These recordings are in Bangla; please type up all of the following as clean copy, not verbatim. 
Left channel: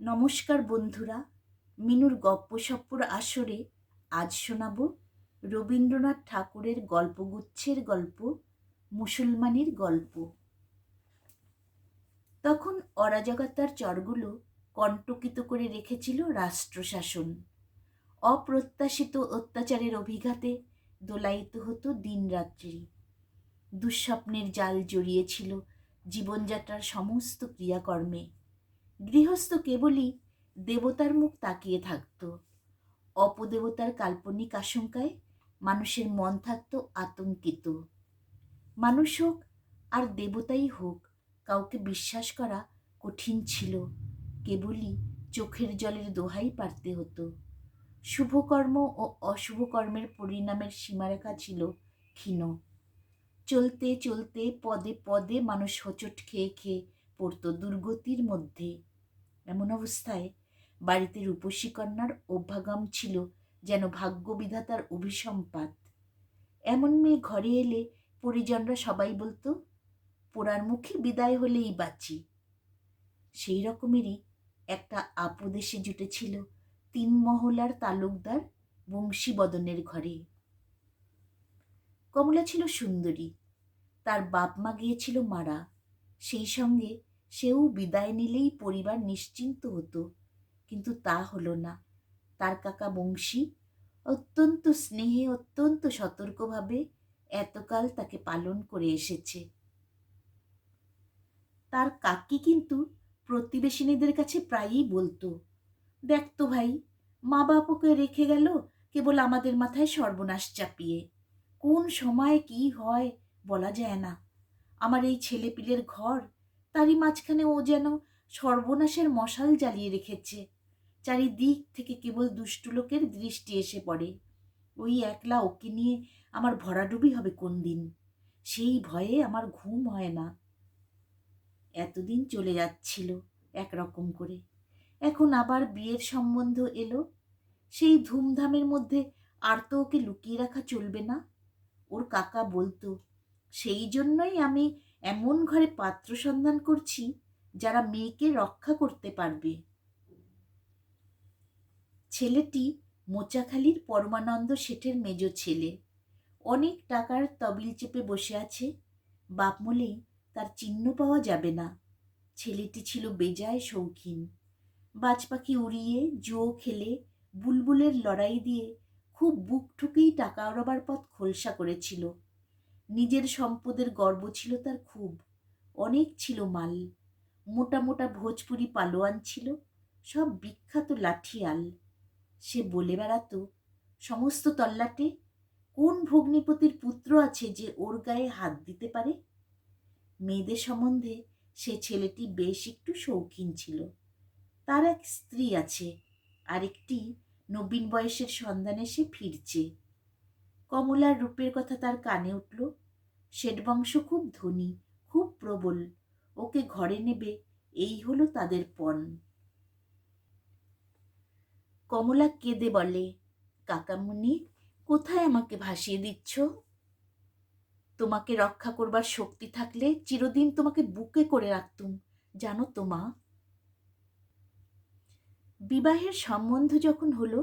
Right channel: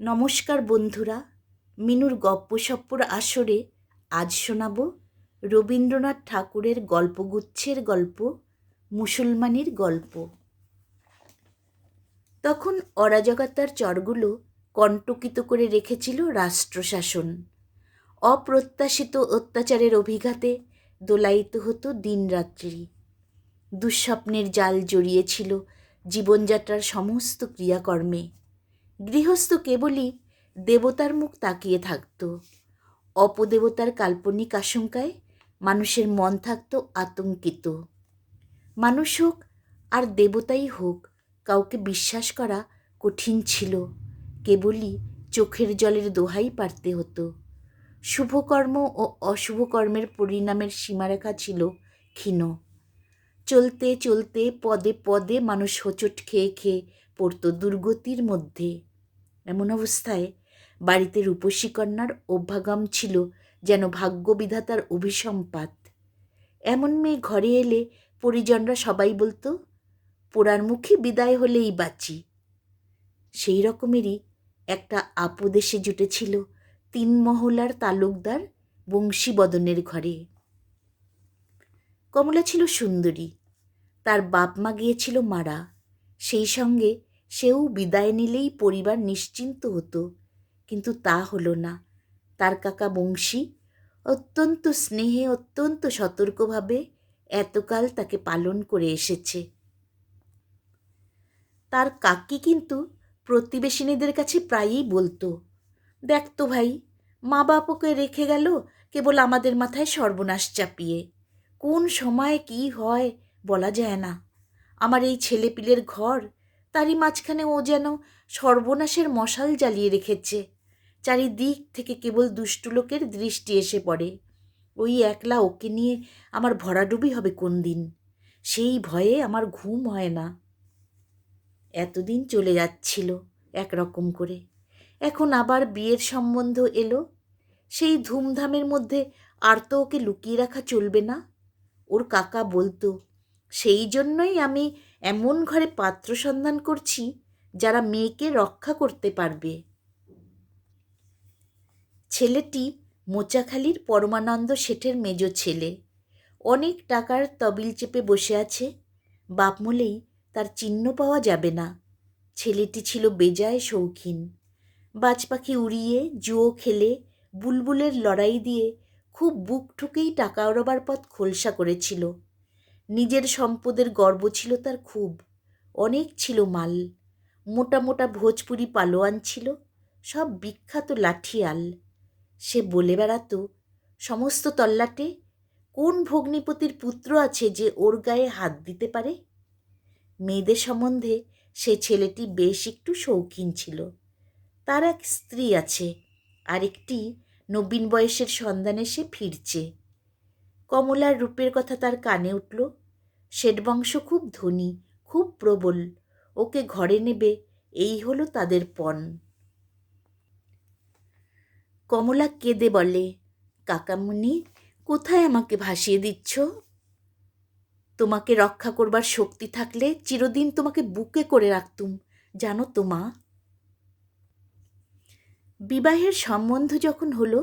নমস্কার বন্ধুরা, মিনুর গপ্পসপ্পর আসরে আজ শোনাব রবীন্দ্রনাথ ঠাকুরের গল্পগুচ্ছের গল্প মুসলমানির গল্প। তখন অরাজকতার চরগুলো কণ্টকিত করে রেখেছিল রাষ্ট্রশাসন। অপ্রত্যাশিত অত্যাচারের অভিঘাতে দোলায়িত হতো দিনরাত্রি। দুঃস্বপ্নের জাল জড়িয়েছিল জীবনযাত্রার সমস্ত ক্রিয়াকর্মে। গৃহস্থ কেবলই দেবতার মুখ তাকিয়ে থাকত। অপদেবতার কাল্পনিক আশঙ্কায় মানুষের মন থাকত আতঙ্কিত। মানুষ হোক আর দেবতাই হোক, কাউকে বিশ্বাস করা কঠিন ছিল। কেবলই চোখের জলের দোহাই পারতে হতো। শুভকর্ম ও অশুভ কর্মের পরিণামের সীমারেখা ছিল ক্ষীণ। চলতে চলতে পদে পদে মানুষ হোঁচট খেয়ে খেয়ে পড়ত দুর্গতির মধ্যে। এমন অবস্থায় বাড়িতে রূপসী কন্যার অভ্যাগম ছিল যেন ভাগ্যবিধাতার অভিসম্পাত। এমন মেয়ে ঘরে এলে পরিজনরা সবাই বলতো, পোড়ার মুখে বিদায় হলেই বাঁচি। সেই রকমেরই একটা আপদ এসে জুটেছিল 3 মহলার তালুকদার বংশীবদনের ঘরে। কমলা ছিল সুন্দরী, তার বাপ মা গিয়েছিল মারা। সেই সঙ্গে সেও বিদায় নিলেই পরিবার নিশ্চিন্ত হতো, কিন্তু তা হলো না। তার কাকা বংশী অত্যন্ত স্নেহে, অত্যন্ত সতর্কভাবে এতকাল তাকে পালন করে এসেছে। তার কাকি কিন্তু প্রতিবেশিনীদের কাছে প্রায়ই বলতো, দেখ তো ভাই, মা বাপ ওকে রেখে গেল কেবল আমাদের মাথায় সর্বনাশ চাপিয়ে। কোন সময় কি হয় বলা যায় না। আমার এই ছেলেপিলের ঘর, তারই মাঝখানে ও যেন সর্বনাশের মশাল জ্বালিয়ে রেখেছে। চারিদিক থেকে কেবল দুষ্টু লোকের দৃষ্টি এসে পড়ে। ওই একলা ওকে নিয়ে আমার ভরাডুবি হবে কোন দিন, সেই ভয়ে আমার ঘুম হয় না। এতদিন চলে যাচ্ছিল একরকম করে, এখন আবার বিয়ের সম্বন্ধ এলো। সেই ধুমধামের মধ্যে আর তো ওকে লুকিয়ে রাখা চলবে না। ওর কাকা বলতো, সেই জন্যই আমি এমন ঘরে পাত্র সন্ধান করছি যারা মেয়েকে রক্ষা করতে পারবে। ছেলেটি মোচাখালীর পরমানন্দ শেঠের মেজ ছেলে। অনেক টাকার তবিল চেপে বসে আছে। বাপ মলেই তার চিহ্ন পাওয়া যাবে না। ছেলেটি ছিল বেজায় শৌখিন। বাজ পাখি উড়িয়ে, জুয়ো খেলে, বুলবুলের লড়াই দিয়ে খুব বুক ঠুকেই টাকা ওড়াবার পথ খোলসা করেছিল। নিজের সম্পদের গর্ব ছিল তার খুব। অনেক ছিল মাল। মোটা মোটা ভোজপুরি পালোয়ান ছিল, সব বিখ্যাত লাঠিয়াল। সে বলে বেড়াতো সমস্ত তল্লাটে, কোন ভগ্নিপতির পুত্র আছে যে ওর গায়ে হাত দিতে পারে। মেয়েদের সম্বন্ধে সে ছেলেটি বেশ একটু শৌখিন ছিল। তার এক স্ত্রী আছে, আরেকটি নবীন বয়সের সন্ধানে সে ফিরছে। কমলার রূপের কথা তার কানে উঠল। শেঠবংশ খুব ধনী, খুব প্রবল। ওকে ঘরে নেবে, এই হলো তাদের পণ। কমলা কেঁদে বলে, কাকামুনি, কোথায় আমাকে ভাসিয়ে দিচ্ছ? তোমাকে রক্ষা করবার শক্তি থাকলে চিরদিন তোমাকে বুকে করে রাখতুম, জানো তো মা। বিবাহের সম্বন্ধ যখন হলো,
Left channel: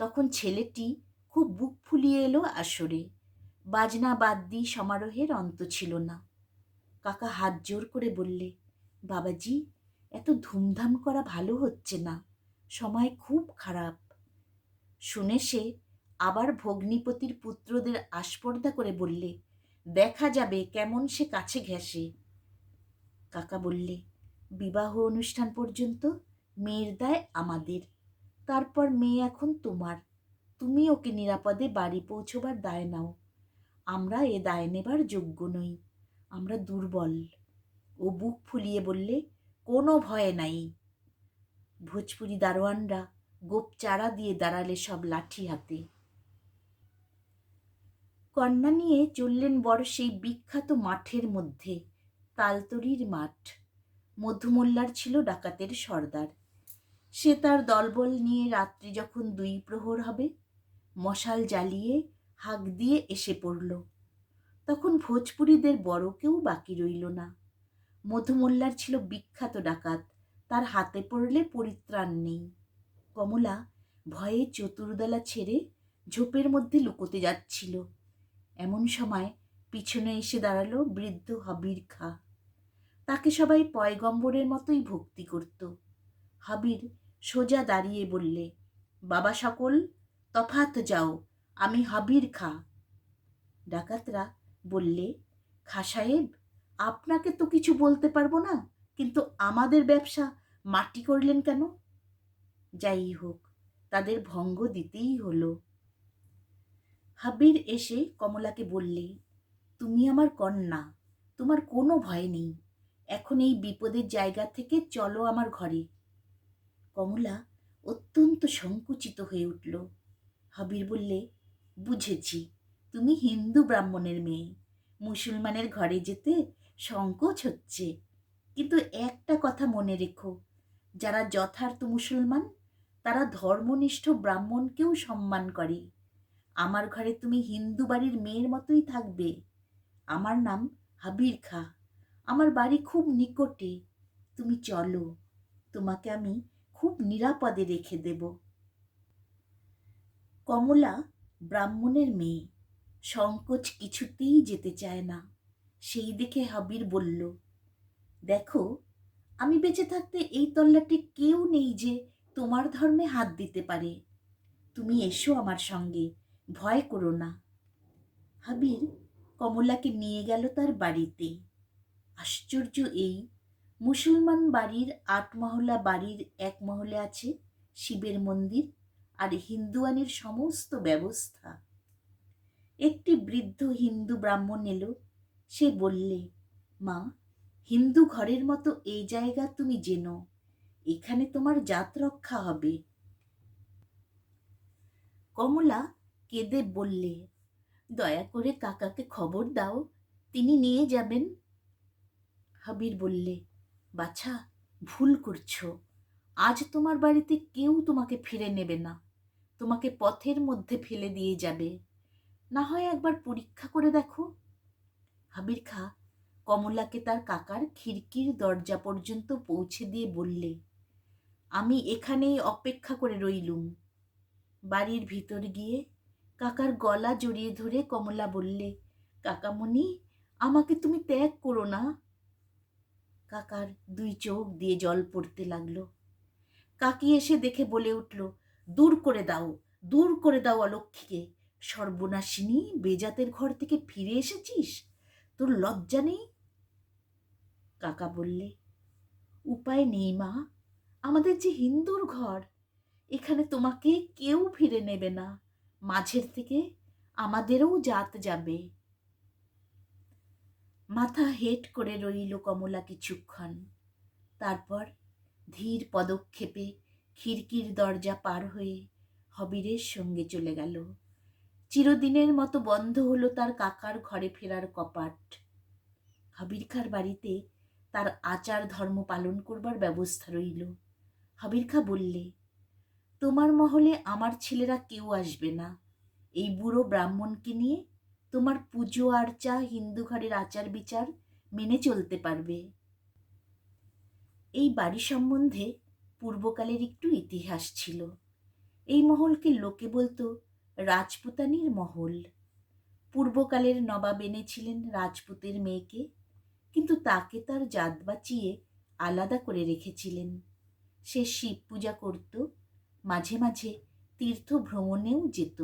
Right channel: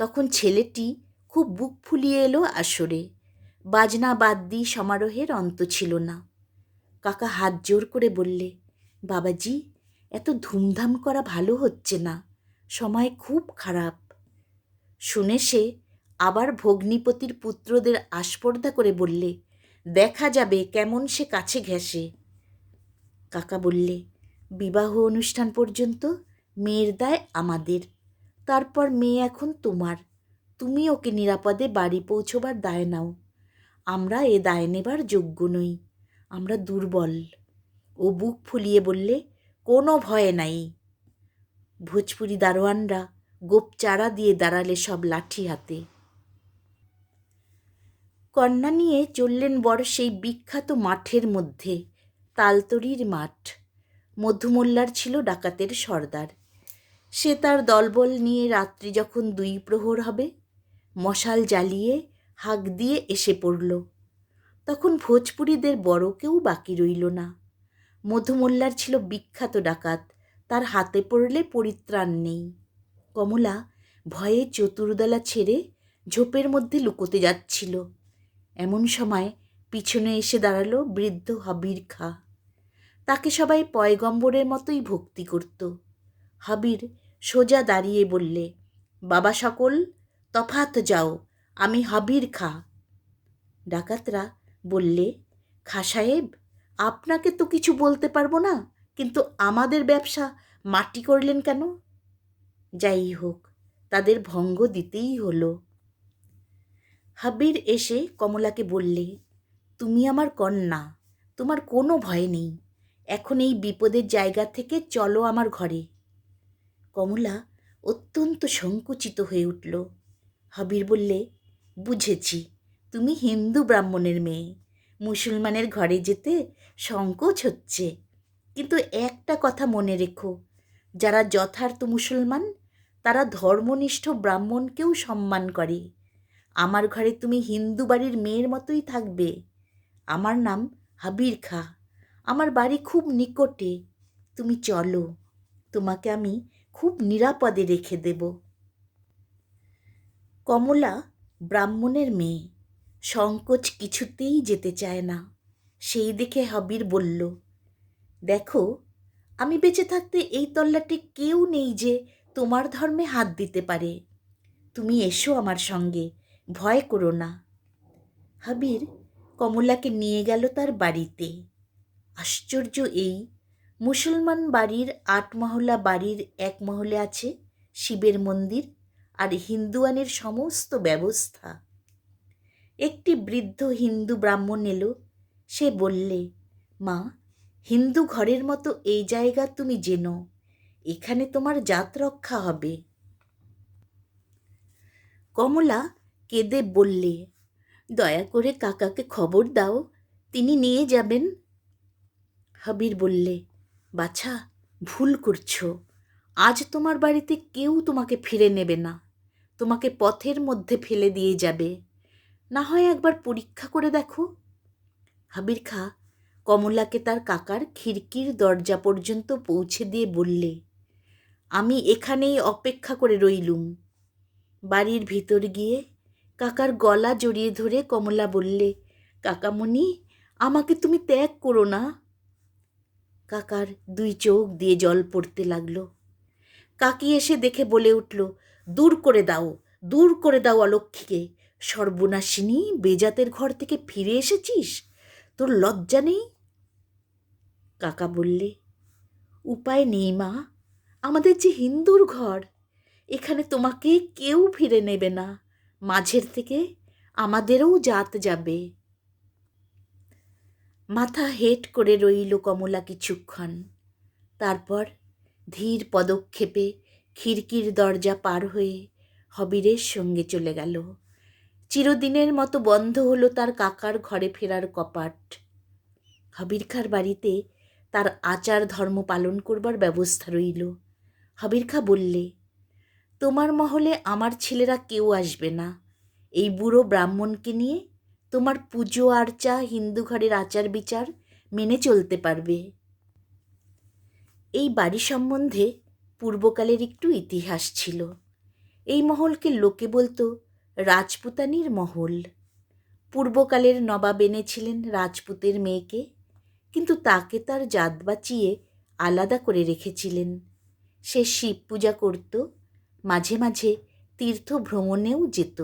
তখন ছেলেটি খুব বুক ফুলিয়ে এলো আসরে। বাজনা বাদ্যি সমারোহের অন্ত ছিল না। কাকা হাত জোর করে বললে, বাবাজি, এত ধুমধাম করা ভালো হচ্ছে না, সময় খুব খারাপ। শুনে সে আবার ভগ্নিপতির পুত্রদের আস্পর্ধা করে বললে, দেখা যাবে কেমন সে কাছে ঘেঁষে। কাকা বললে, বিবাহ অনুষ্ঠান পর্যন্ত মেয়ের দায় আমাদের, তারপর মেয়ে এখন তোমার। তুমি ওকে নিরাপদে বাড়ি পৌঁছবার দায় নাও। আমরা এ দায় নেবার যোগ্য নই, আমরা দুর্বল। ও বুক ফুলিয়ে বললে, কোনো ভয় নাই। ভোজপুরি দারোয়ানরা গোপ চারা দিয়ে দাঁড়ালে সব লাঠি হাতে। কন্যা নিয়ে চললেন বর সেই বিখ্যাত মাঠের মধ্যে, তালতরির মাঠ। মধুমোল্লার ছিল ডাকাতের সর্দার। সে তার দলবল নিয়ে রাত্রি যখন 2 প্রহর হবে, মশাল জ্বালিয়ে হাঁক দিয়ে এসে পড়ল। তখন ভোজপুরীদের বড় কেউ বাকি রইল না। মধুমোল্লার ছিল বিখ্যাত ডাকাত, তার হাতে পড়লে পরিত্রাণ নেই। কমলা ভয়ে চতুর্দলা ছেড়ে ঝোপের মধ্যে লুকোতে যাচ্ছিল। এমন সময় পিছনে এসে দাঁড়ালো বৃদ্ধ হাবির খাঁ। তাকে সবাই পয়গম্বরের মতোই ভক্তি করত। হাবির সোজা দাঁড়িয়ে বললে, বাবা সকল, তফাৎ যাও, আমি হাবির খাঁ। ডাকাতরা বললে, খাঁ সাহেব, আপনাকে তো কিছু বলতে পারবো না, কিন্তু আমাদের ব্যবসা মাটি করলেন কেন? যাই হোক, তাদের ভঙ্গ দিতেই হলো। হাবির এসে কমলাকে বললে, তুমি আমার কন্যা, তোমার কোনো ভয় নেই, এখন এই বিপদের জায়গা থেকে চলো আমার ঘরে। কমলা অত্যন্ত সংকুচিত হয়ে উঠল। হাবির বললে, বুঝেছি, তুমি হিন্দু ব্রাহ্মণের মেয়ে, মুসলমানের ঘরে যেতে সংকোচ হচ্ছে। কিন্তু একটা কথা মনে রেখো, যারা যথার্থ মুসলমান তারা ধর্মনিষ্ঠ ব্রাহ্মণকেও সম্মান করে। আমার ঘরে তুমি হিন্দু বাড়ির মেয়ের মতোই থাকবে। আমার নাম হাবির খাঁ, আমার বাড়ি খুব নিকটে, তুমি চলো, তোমাকে আমি খুব নিরাপদে রেখে দেব। কমলা ব্রাহ্মণের মেয়ে, সংকোচ কিছুতেই যেতে চায় না। সেই দেখে হাবির বলল, দেখো, আমি বেঁচে থাকতে এই তল্লাটে কেউ নেই যে তোমার ধর্মে হাত দিতে পারে। তুমি এসো আমার সঙ্গে, ভয় করো না। হাবির কমলাকে নিয়ে গেল তার বাড়িতে। আশ্চর্য এই, মুসলমান বাড়ির ৮ মহলা বাড়ির ১ মহলে আছে শিবের মন্দির আর হিন্দুয়ানের সমস্ত ব্যবস্থা। একটি বৃদ্ধ হিন্দু ব্রাহ্মণ এলো। সে বললে, মা, হিন্দু ঘরের মতো এই জায়গা তুমি জেনো, এখানে তোমার জাত রক্ষা হবে। কমলা কেঁদে বললে, দয়া করে কাকাকে খবর দাও, তিনি নিয়ে যাবেন। হাবির বললে, বাছা, ভুল করছো, আজ তোমার বাড়িতে কেউ তোমাকে ফিরে নেবে না, তোমাকে পথের মধ্যে ফেলে দিয়ে যাবে। না হয় একবার পরীক্ষা করে দেখো। হাবির খাঁ কমলাকে তার কাকার খিড়কির দরজা পর্যন্ত পৌঁছে দিয়ে বললে, আমি এখানেই অপেক্ষা করে রইলুম। বাড়ির ভিতর গিয়ে কাকার গলা জড়িয়ে ধরে কমলা বললে, কাকামণি, আমাকে তুমি ত্যাগ করো না। কাকার ২ চোখ দিয়ে জল পড়তে লাগলো। কাকি এসে দেখে বলে উঠল, দূর করে দাও, দূর করে দাও অলক্ষীকে, সর্বনাশিনী, বেজাতের ঘর থেকে ফিরে এসেছিস, তোর লজ্জা নেই? কাকা বললে, উপায় নেই মা, আমাদের যে হিন্দুর ঘর, এখানে তোমাকে কেউ ফিরে নেবে না, মাঝের থেকে আমাদেরও জাত যাবে। মাথা হেঁট করে রইল কমলা কিছুক্ষণ। তারপর ধীর পদক্ষেপে খিড়কির দরজা পার হয়ে হবিরের সঙ্গে চলে গেল। চিরদিনের মতো বন্ধ হলো তার কাকার ঘরে ফেরার কপাট। হাবির খাঁর বাড়িতে তার আচার ধর্ম পালন করবার ব্যবস্থা রইল। হাবির খাঁ বললে, তোমার মহলে আমার ছেলেরা কেউ আসবে না, এই বুড়ো ব্রাহ্মণকে নিয়ে তোমার পুজো আর্চা, হিন্দু ঘরের আচার বিচার মেনে চলতে পারবে। এই বাড়ি সম্বন্ধে পূর্বকালের একটু ইতিহাস ছিল। এই মহলকে লোকে বলতো রাজপুতানির মহল। পূর্বকালের নবাব এনেছিলেন রাজপুতের মেয়েকে, কিন্তু তাকে তার জাত বাঁচিয়ে আলাদা করে রেখেছিলেন। সে শিব পূজা করত, মাঝে মাঝে তীর্থ ভ্রমণেও যেত।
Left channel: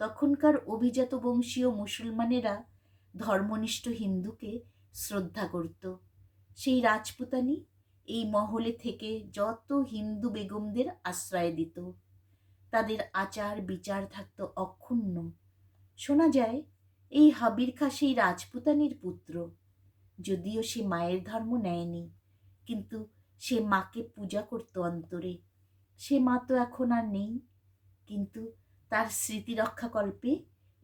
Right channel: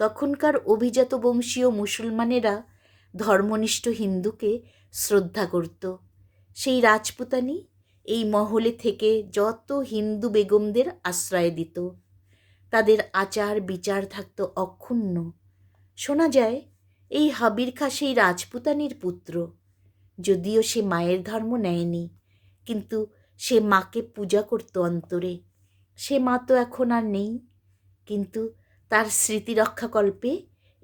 তখনকার অভিজাত বংশীয় মুসলমানেরা ধর্মনিষ্ঠ হিন্দুকে শ্রদ্ধা করত। সেই রাজপুতানি এই মহলে থেকে যত হিন্দু বেগমদের আশ্রয় দিত। তাদের আচার বিচার থাকত অক্ষুণ্ণ। শোনা যায় এই হাবির খাঁ সেই রাজপুতানির পুত্র। যদিও সে মায়ের ধর্ম নেয়নি, কিন্তু সে মাকে পূজা করত অন্তরে। সে মা তো এখন আর নেই, কিন্তু তার স্মৃতি রক্ষাকল্পে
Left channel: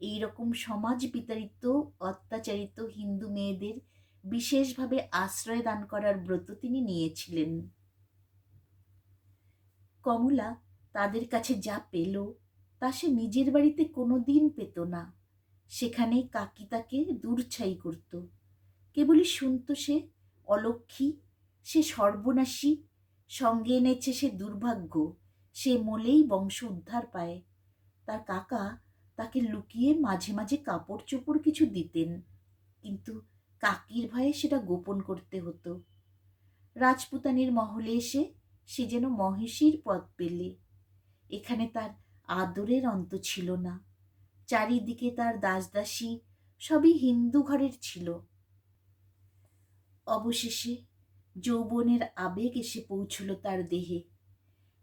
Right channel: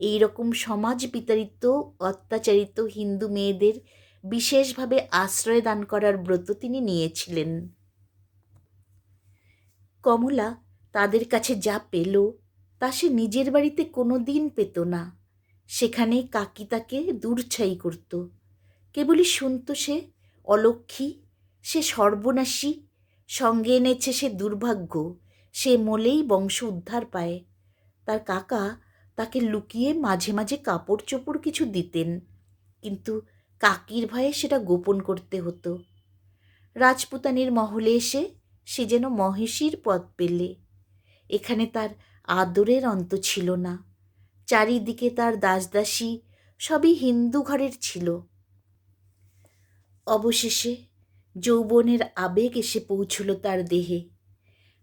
এই রকম সমাজ বিতাড়িত, অত্যাচারিত হিন্দু মেয়েদের বিশেষভাবে আশ্রয় দান করার ব্রত তিনি নিয়েছিলেন। কমলা তাদের কাছে যা পেল তা সে নিজের বাড়িতে কোনো দিন পেত না। সেখানেই কাকি তাকে দূরছাই করত। কেবলই শুনত সে অলক্ষী, সে সর্বনাশী, সঙ্গে এনেছে সে দুর্ভাগ্য, সে মলেই বংশ উদ্ধার পায়। তার কাকা তাকে লুকিয়ে মাঝে মাঝে কাপড় চোপড় কিছু দিতেন, কিন্তু কাকির ভয়ে সেটা গোপন করতে হতো। রাজপুতানির মহলে এসে সে যেন মহিষীর পদ পেলে। এখানে তার আদরের অন্ত ছিল না। চারিদিকে তার দাসদাসী, সবই হিন্দু ঘরের ছিল। অবশেষে যৌবনের আবেগ এসে পৌঁছল তার দেহে।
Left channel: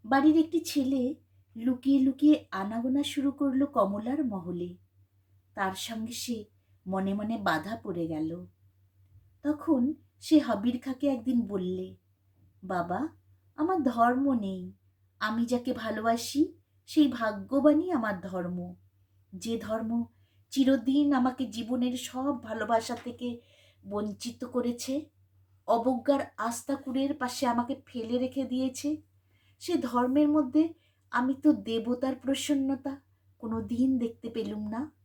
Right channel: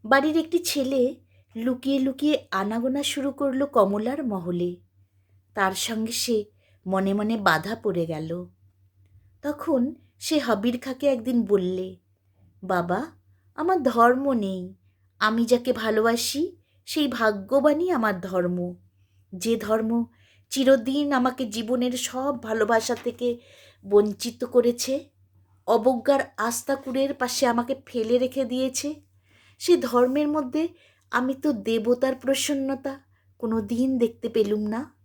বাড়ির একটি ছেলে লুকিয়ে লুকিয়ে আনাগোনা শুরু করলো কমলার মহলে। তার সঙ্গে সে মনে মনে বাধা পড়ে গেল। তখন সে হাবির খাঁকে একদিন বললে, বাবা, আমার ধর্ম নেই। আমি যাকে ভালোবাসি সেই ভাগ্যবানই আমার ধর্ম। যে ধর্ম চিরদিন আমাকে জীবনের সব ভালোবাসা থেকে বঞ্চিত করেছে, অবজ্ঞার আস্তাকুড়ের পাশে আমাকে ফেলে রেখে দিয়েছে, সে ধর্মের মধ্যে আমি তো দেবতার প্রসন্নতা কোনো দিন দেখতে পেলুম না।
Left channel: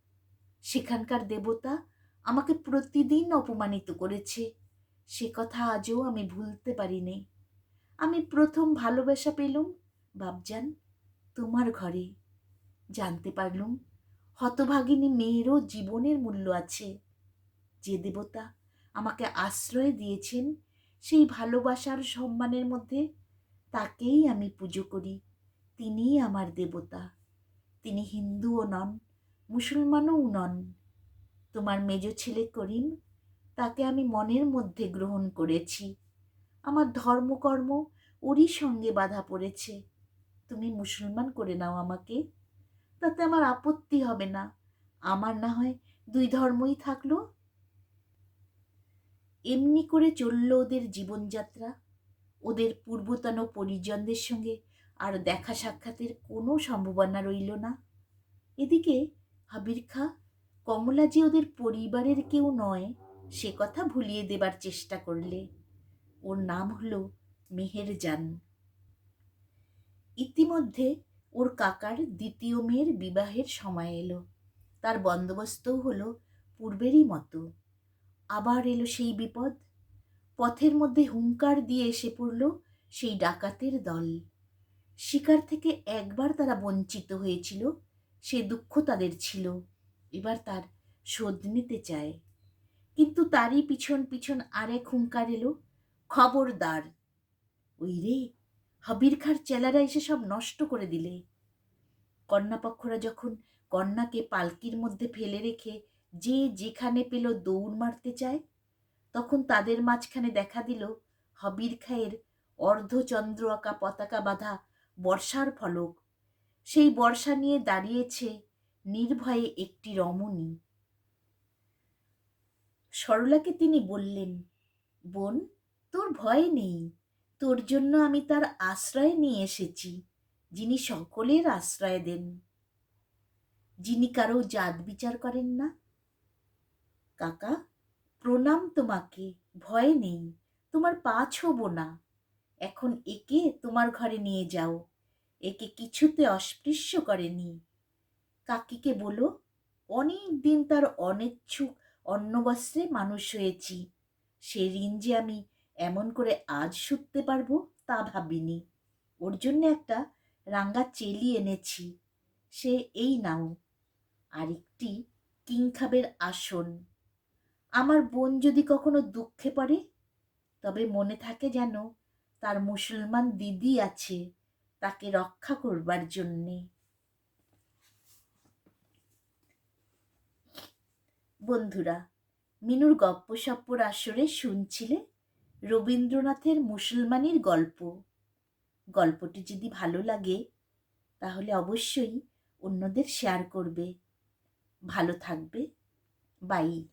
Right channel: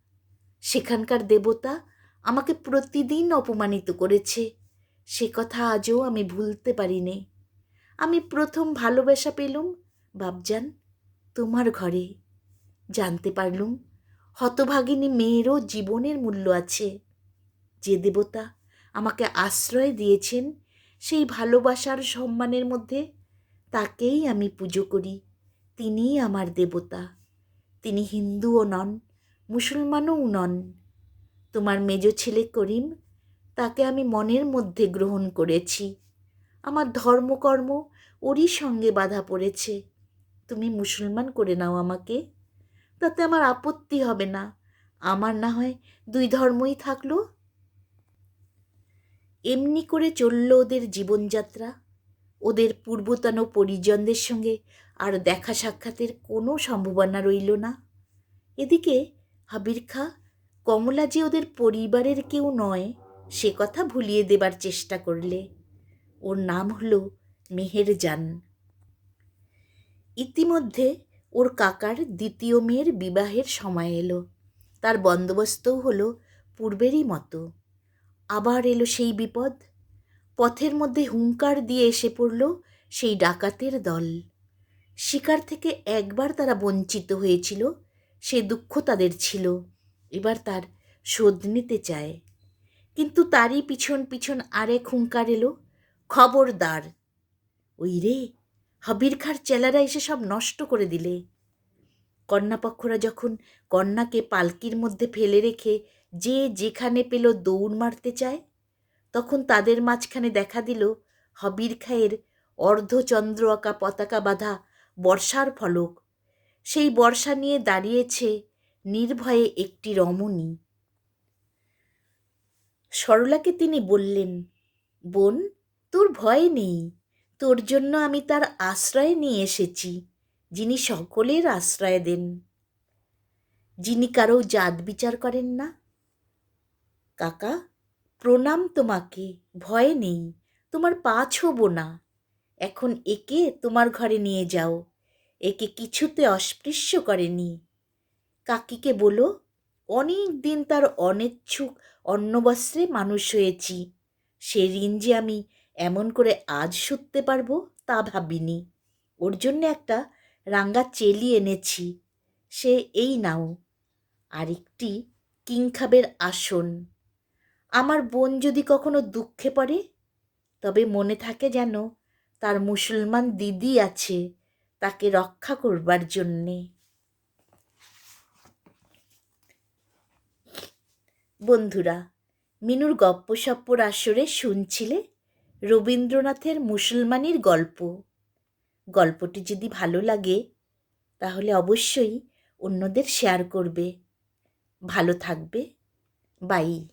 সেখানকার দেবতা আমাকে প্রতিদিন অপমানিত করেছে, সে কথা আজও আমি ভুলতে পারিনি। আমি প্রথম ভালোবাসা পেলুম বাপজান তোমার ঘরে। জানতে পারলুম হতভাগিনী মেয়েরও জীবনের মূল্য আছে। যে দেবতা আমাকে আশ্রয় দিয়েছেন সেই ভালোবাসার সম্মানের মধ্যে তাকেই আমি পুজো করি। তিনিই আমার দেবতা। তিনি হিন্দুও নন, মুসলমানও নন। তোমার মেজ ছেলে করিম, তাকে আমি মনের মধ্যে গ্রহণ করেছি। আমার ধর্মকর্ম ওরই সঙ্গে বাধা পড়েছে। তুমি মুসলমান করে নাও আমাকে, তাতে আমার আপত্তি হবে না। আমার না হয় দুই ধর্মই থাকলো। এমনি করে চলল ওদের জীবনযাত্রা। ওদের পূর্বতন পরিজনদের সঙ্গে আর দেখা সাক্ষাতের কোনো সম্ভাবনা রইল না। এদিকে হাবির খাঁ কমলা যে ওদের পরিবারের কেউ নয় সে কথা ভুলিয়ে দেবার চেষ্টা করলে। ওর নাম হলো মেহেরজান। ইতিমধ্যে ওর কাকার দ্বিতীয় মেয়ের বিবাহের সময় এলো। তার বন্দোবস্তও হলো পূর্বেরই মতো। আবার এলো সেই বিপদ। পথের মধ্যে হুঙ্কার দিয়ে এসে পড়ল সেই ডাকাতের দল। শিকার থেকে একবার তারা বঞ্চিত হয়েছিল, সে দুঃখ তাদের ছিল। এবার তার শোধ নিতে চায়। কিন্তু তারই পিছন পিছন আরেক হুঙ্কার এলো, খবরদার! ওই রে, হাবির খাঁর চেলারা এসে সব নষ্ট করে দিলে। কন্যাপক্ষরা যখন কন্যাকে পালকির মধ্যে ফেলে রেখে যে যেখানে পেল দৌড় মারতে চায়, তখন তাদের মাঝখানে দেখা দিল হাবির খাঁয়ের অর্ধচন্দ্র আঁকা পতাকা বাঁধা বর্ষার ফলক। সেই বর্ষা নিয়ে দাঁড়িয়েছে নির্ভয়ে একটি রমণী। সরলাকে তিনি বললেন, বোন, তোর ভয় নেই। তোর জন্য আমি তার আশ্রয় নিয়ে এসেছি, যিনি সকলের আশ্রয় দেন, যিনি কারো জাত বিচার করেন না। কাকা, প্রণাম তোমাকে, ভয় নেই, তোমার পা ছোঁব না। এখন একে তোমার ঘরে নিয়ে যাও, একে কিছুতে অস্পৃশ্য করেনি। কাকিকে বলো, অনেক দিন তার অনিচ্ছুক অন্নবস্ত্রে মানুষ হয়েছি, সে ঋণ যে আমি এমন করে আজ শুধতে পারবো তা ভাবিনি। ওর জন্য একটা রাঙ্গা চেলি এনেছি, সে এই নাও, আরেকটি কিংখাবের আসন। আমার বোন যদি কখনো দুঃখে পড়ে তবে মনে থাকে যেন তার মুসলমান দিদি আছে তাকে রক্ষা করবার জন্যে। বন্ধুরা, মিনুর গপ্পসপ্পর আসরে শুনছিলে রবীন্দ্রনাথের মুসলমানির গল্প। গল্পটি যদি ভালো লাগে তাহলে অবশ্যই অন্যদের শেয়ার করবে। ভালো থাকবে। বাই।